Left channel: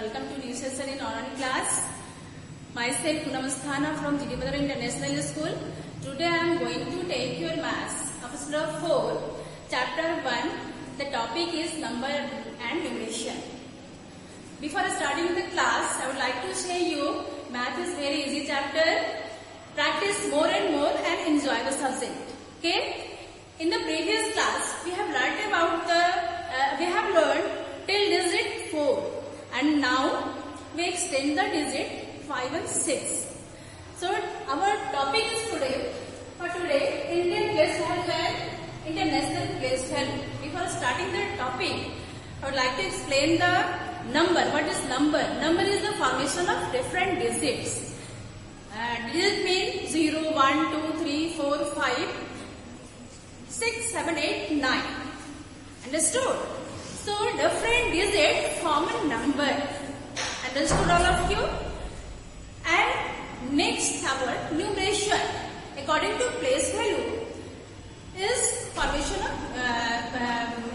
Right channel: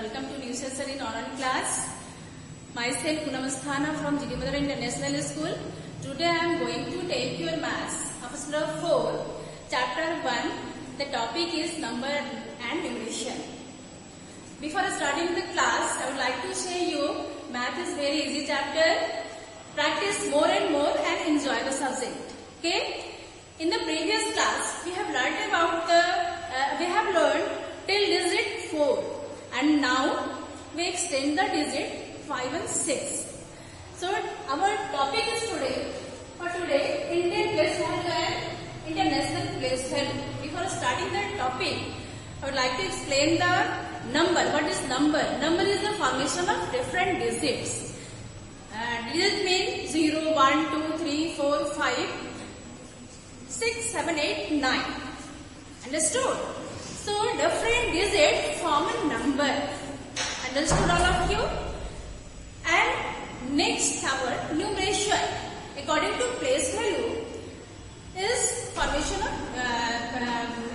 Welcome to new session in online class. Myself Poonam Asthana from GD Madhura International School. Today I am going to take your maths of standard 4, chapter 1. The topic is number and numeration. Before starting the class, I would like to say you math is very easy chapter. Practice more and more and enjoy the subject. Okay? In the previous class, we have learned till digit 4, and now we extend the digit 5 and 6. So our topic is today Indian place value and international place value. Before starting the topic, I would like to explain the number. What is number? Number is the formation of different digits. Digit means 0, 1, 2, 3, 4, 5, 6, 7, 8, 9. Understood? So different digits form a number. Understood all of you? And next our numeration. According to place value is formation of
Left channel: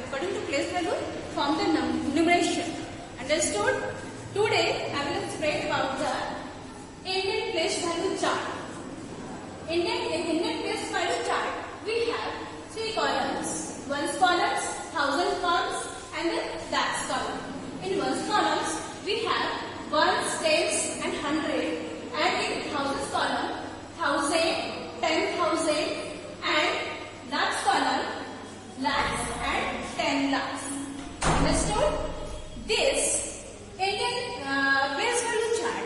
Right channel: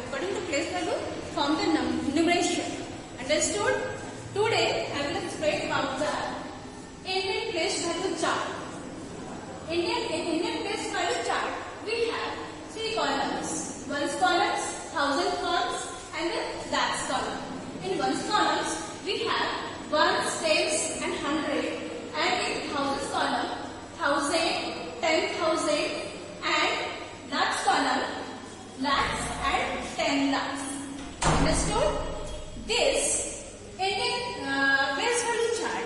according to place value form the numeration. Understood? Today I will explain about the Indian place value chart. Indian place value chart, we have 3 columns. Ones columns, 1000 columns, and the lakhs column. In ones columns, we have ones, tens, and 100. And in thousands column, 1000, 10,000, and lakhs column, lakhs and 10 lakhs. Understood? This Indian place value chart,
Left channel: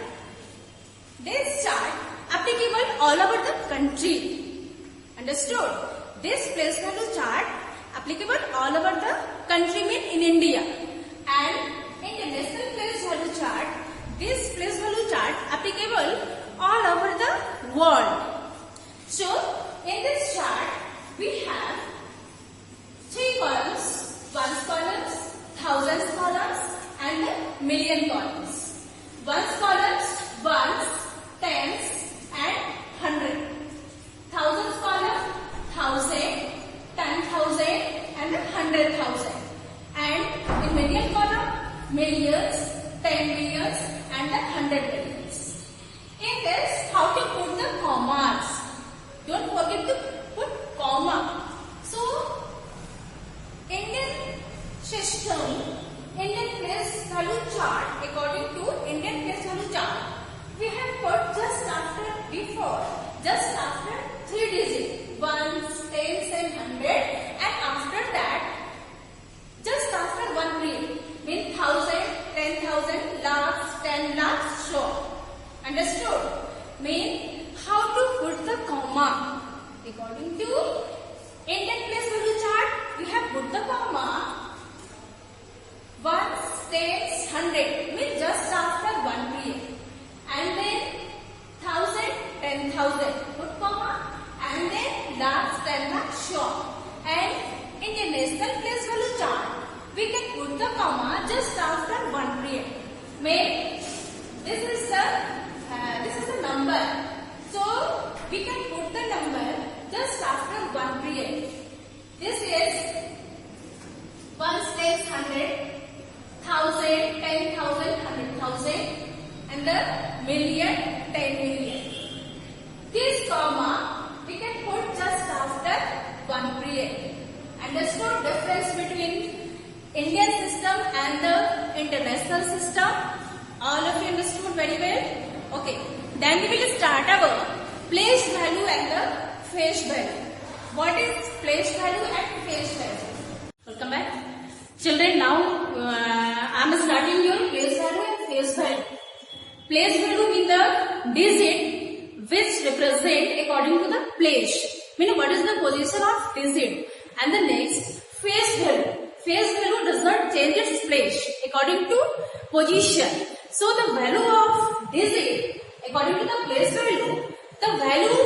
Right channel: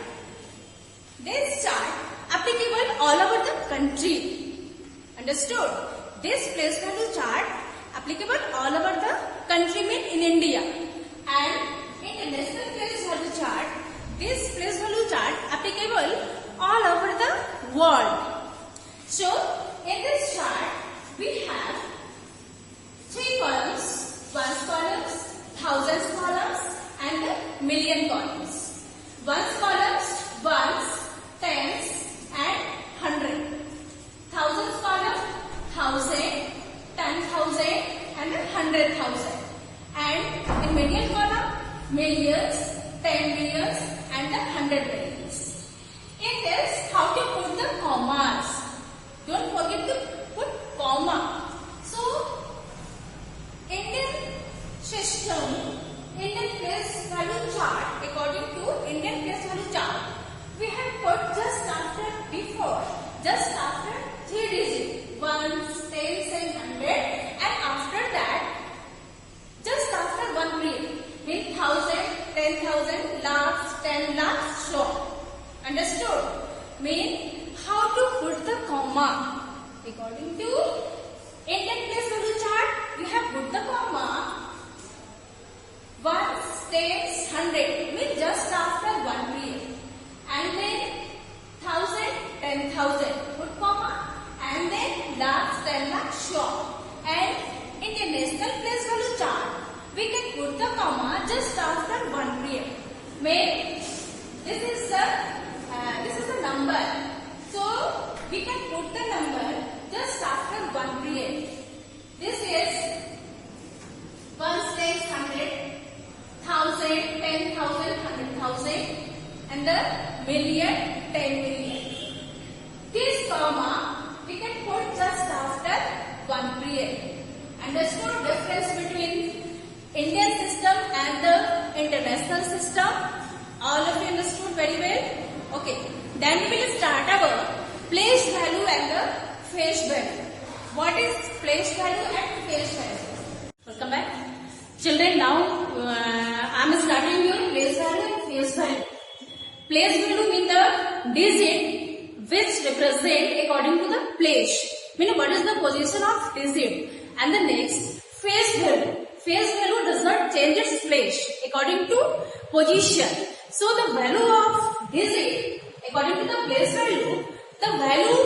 this chart applicable all over the country. Understood? This place value chart applicable all over the country mean in India. And international place value chart, this place value chart applicable all over the world. So in this chart we have 3 columns, ones columns, thousands columns, and the million columns. Ones columns, ones, tens, and 100. Thousands column, 1000, 10,000, and 100,000. And in million column, millions, 10 millions, and 100 millions. In this, how to put the commas? Don't forget to put comma. So, Indian system, Indian place value chart, according to Indian place value chart, we have put just after 3 digits, ones, tens, and 100, and after that, just after 1 period, means 1000, 10,000, lakhs, 10 lakhs, so on. Understood? Mean how to put the comma. According to Indian place value chart, we have put the comma ones, tens, 100, means just after 1 period. And then 1000, 10,000, put comma, and then lakhs, 10 lakhs, sure. And in the national place value chart, we can put the comma just after 1 period. Mean this is the number. So we can put the number just after 1 period. This is ones, tens, 100, 1000, 10,000, 100,000, and the million, 10 million. This comma we can put just after 1 period. Understood difference between Indian system and the international system? All of you understood very well? Okay. Then we will start our place value and the face value. What is place value and face value? Welcome back. Children, now I am starting your place value and face value. Place value means the digit which represent according to the place. Meaning what is the position of digit. And the next, face value. Face value does not change its place according to position. So the value of digit according to the place value, the value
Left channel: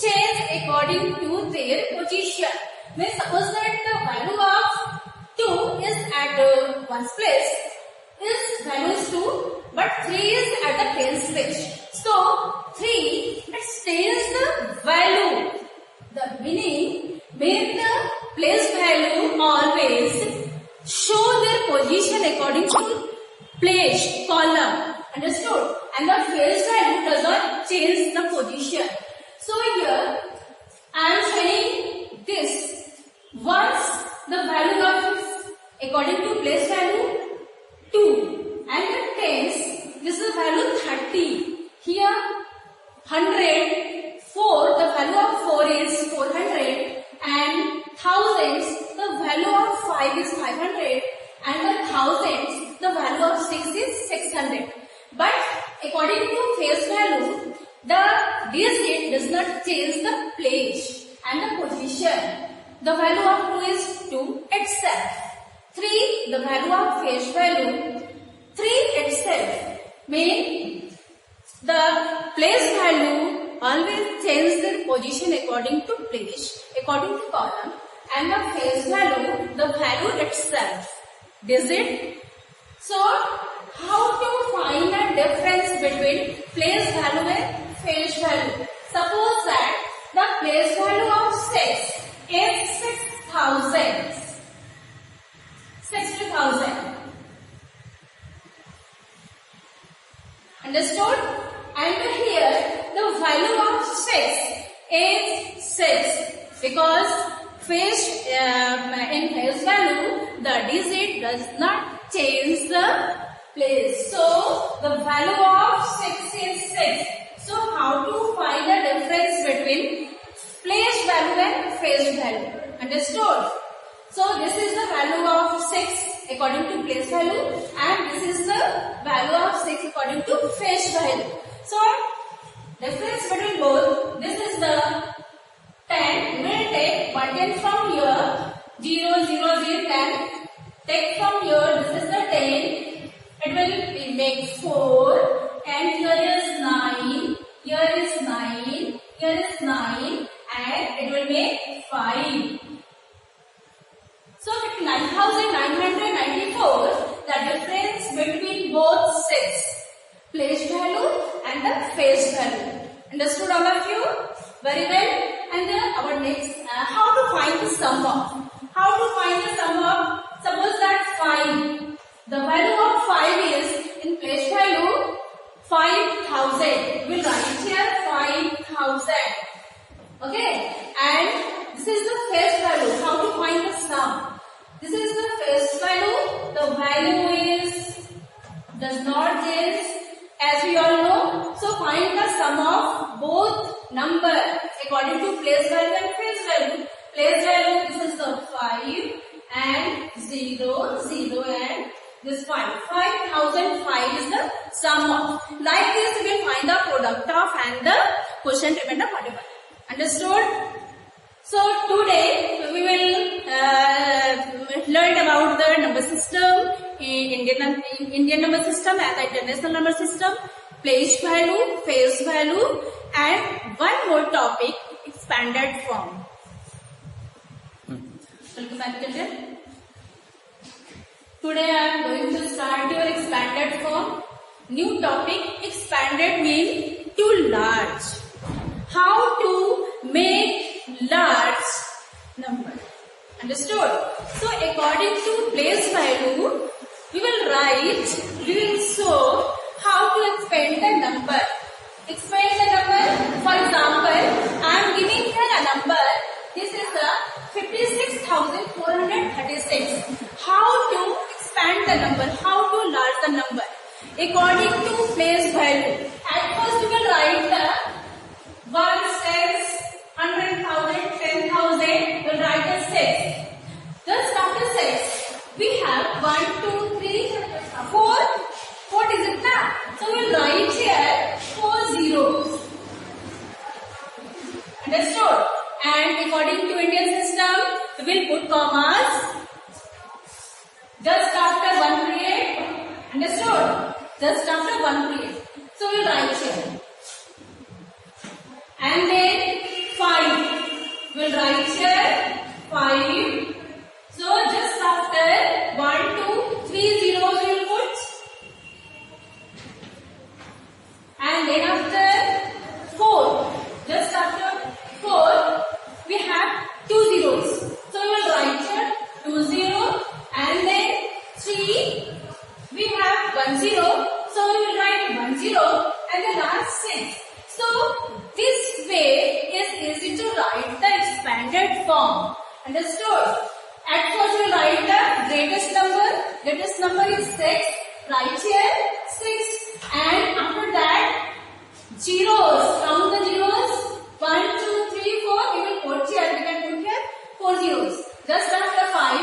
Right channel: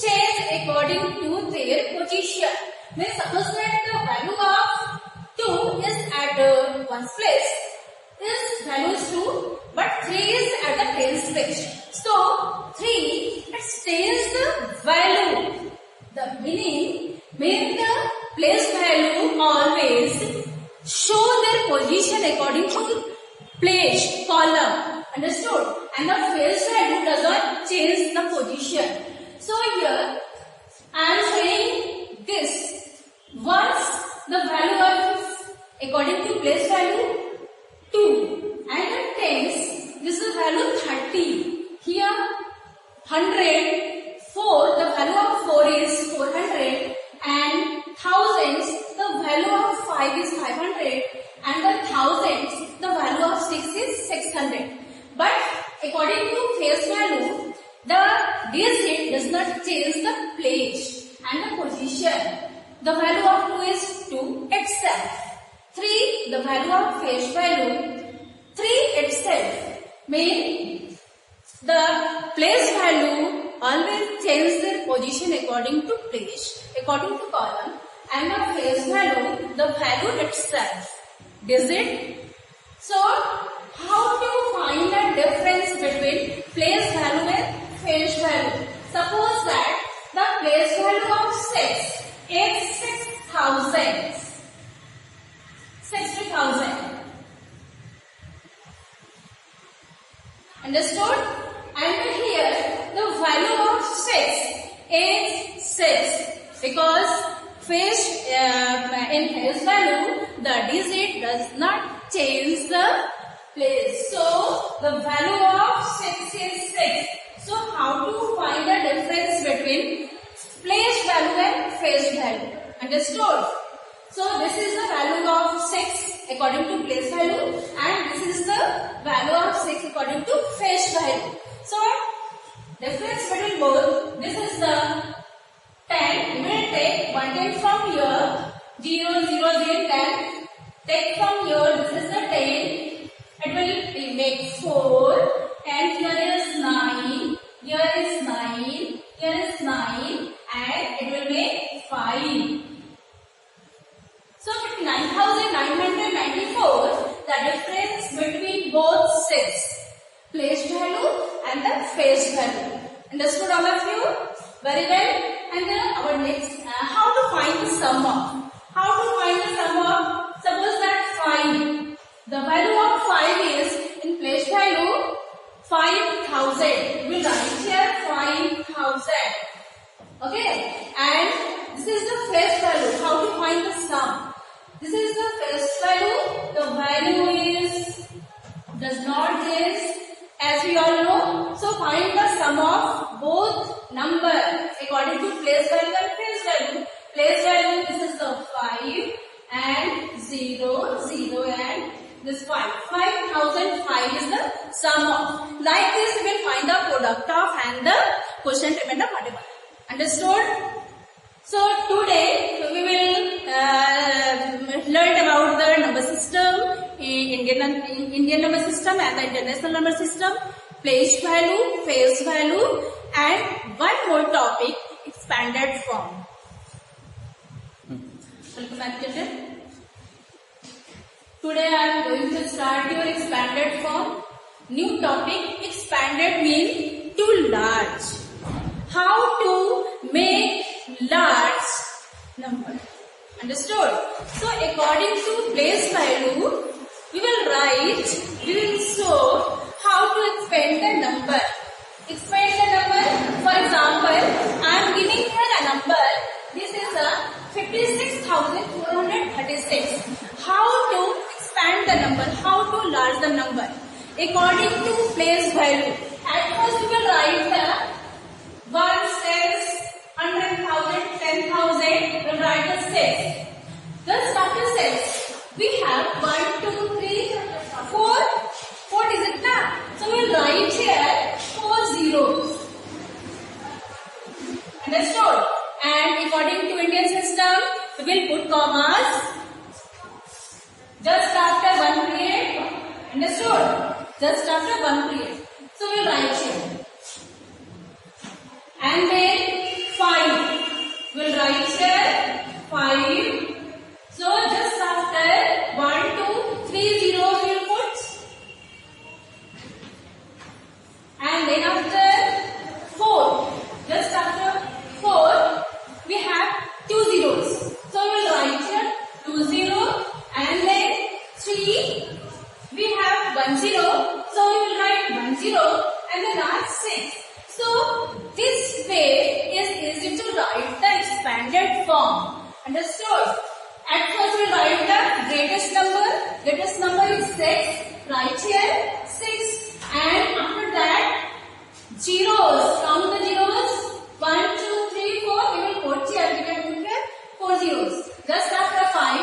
change according to their position. Means suppose that the value of 2 is at one's place, is value is 2, but 3 is at the tens place. So 3 it stays the value. The meaning the place value always show their position according to place column. Understood? And the face value does not change the position. So here I am saying this. Once the value of according to place value 2 and the tens, this is value 30. Here 100, 4, the value of 4 is 400 and thousands, the value of 5 is 500 and the thousands, the value of 6 is 600. But according to face value, the digit does not change the place and the position. The value of 2 is 2 itself. 3, the value of face value, 3 itself. Means the place value always change their position according to place, according to column, and the face value, the value itself. Digit. So, how to find the difference between place value and face value? Suppose that the place value of 6 is 6,000. 60,000. Understood? And here the value of 6 is 6 because in face value the digit does not change the place. So the value of 6 is 6. So how to find the difference between place value and face value? Understood? So this is the value of 6 according to place value and this is the value of 6 according to face value. So difference between both, this is the 10, we will take 110 from here, 0, 0, 0, 10, take from here, this is the 10, it will make 4 and here is 9, here is 9, here is 9 and it will make 5. So 59,994, the difference between both 6, place value and the face value. Understood all of you? Very well. And then our next, how to find the sum of? How to find the sum of? Suppose that 5, the value of 5 is in place value 5,000. We will write here 5,000. Okay. And this is the face value. How to find the sum? This is the face value. The value does not change as we all know. So find the sum of both numbers according to place value and face value. Place value, this is the 5 and 0, 0 and this 5. 5,005 is the sum of. Like this we will find the product of and the quotient remainder whatever. Understood? So today we will learn about the number system, Indian number system and the international number system, place value, face value and one more topic, expanded form. Welcome back children. Today I am going to start your expanded form. New topic, expanded means too large. How to make large number. Understood? So according to place value, we will show how to expand the number. Expand the number. For example, I am giving here a number. This is a 56,436. How to expand the number? How to large the number? According to place value. At first we will write the 1, 10, 100,000, 10,000, we'll write the 6. Just after 6, we have 1, 2, 3, 4 digits now. So we'll write here 4 zeros. Understood? And according to Indian system, we will put commas just after one period. Understood? Just after one period. So we'll write here. And then 5. We'll write here 5. So just after 1, 2, 3 zeros we will put. And then after 4. Just after 4 we have 2 zeros. So we will write here 2 0 and then 3 we have 1 10. So we will write 10 and the last 6. So this way is easy to write the expanded form. Understood? At first we will write the greatest number. Greatest number is 6. Write here 6. And after that zeros. Count the zeros. 1, 2, 3, 4. We will put here. We can put here 4 zeros. Just after 5.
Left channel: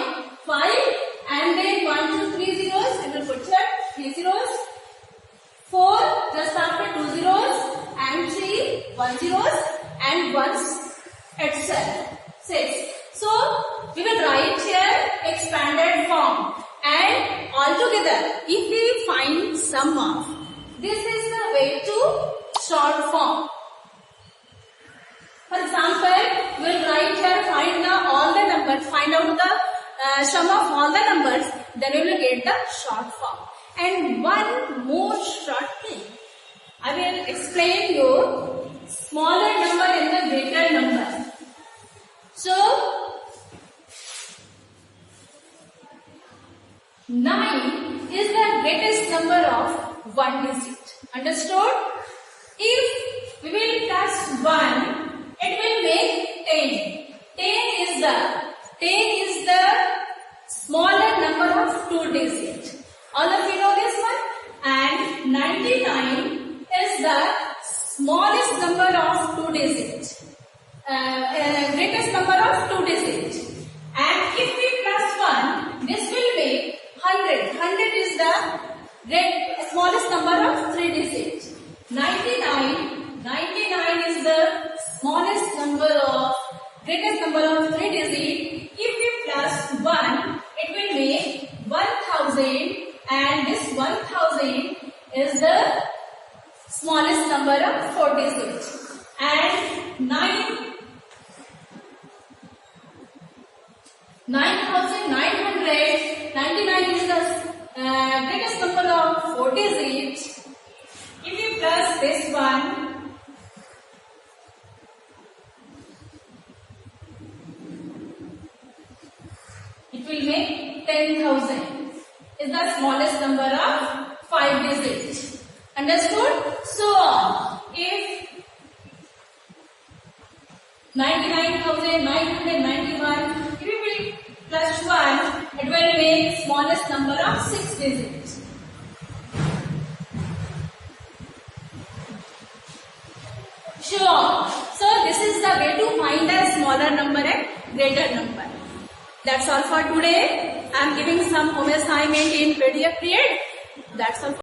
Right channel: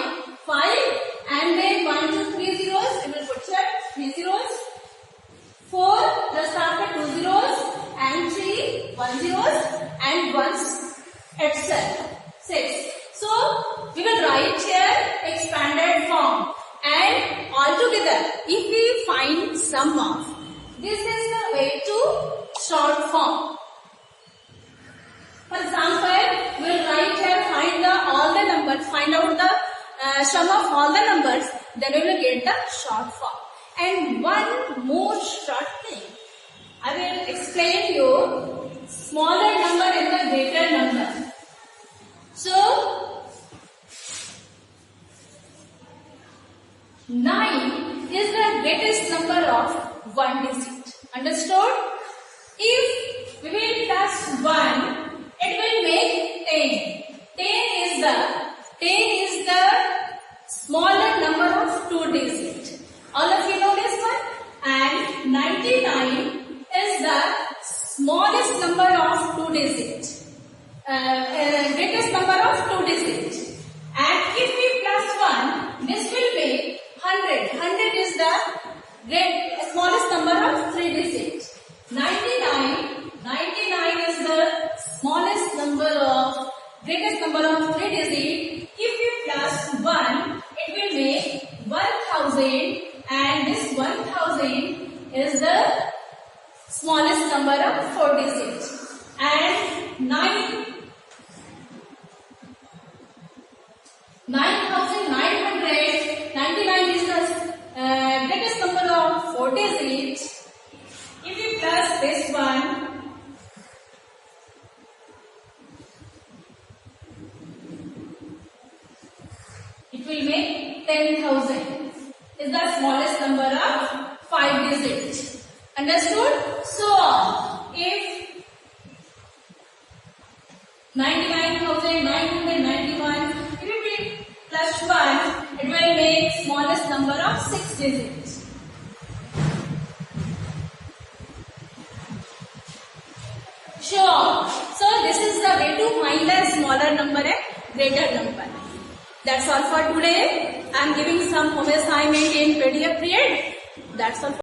And then 1, 2, 3 zeros. We will put here 3 zeros. 4. Just after 2 zeros. And 3. 1 zeros. And 1 etc. 6. So we will write here expanded form. And altogether, if we find sum of, this is the way to short form. For example, we will write here, find all the numbers, find out the sum of all the numbers, then we will get the short form. And one more short thing, I will explain you smaller number and the greater number. So 9 is the greatest number of 1 digit. Understood? If we will plus 1, it will make 10. 10 is the smaller number of 2 digits. All of you know this one? And 99 is the smallest number of 2 digits. Greatest number of 2 digits. And if we plus 1, this will make 100. 100 is the smallest number of 3 digits. 99 is the smallest number of, greatest number of 3 digits. If we plus 1, it will make 1000, and this 1000 is the smallest number of 4 digits. And 99 is the greatest number of 4 digits. If we plus this one, it will make 10,000. Is the smallest number of 5 digits. Understood? So on. If 99,991, if we will plus 1, it will make smallest number of 6 digits. Sure. So this is the way to find a smaller number and greater number. That's all for today. I am giving some home assignment in PDF period. That's all.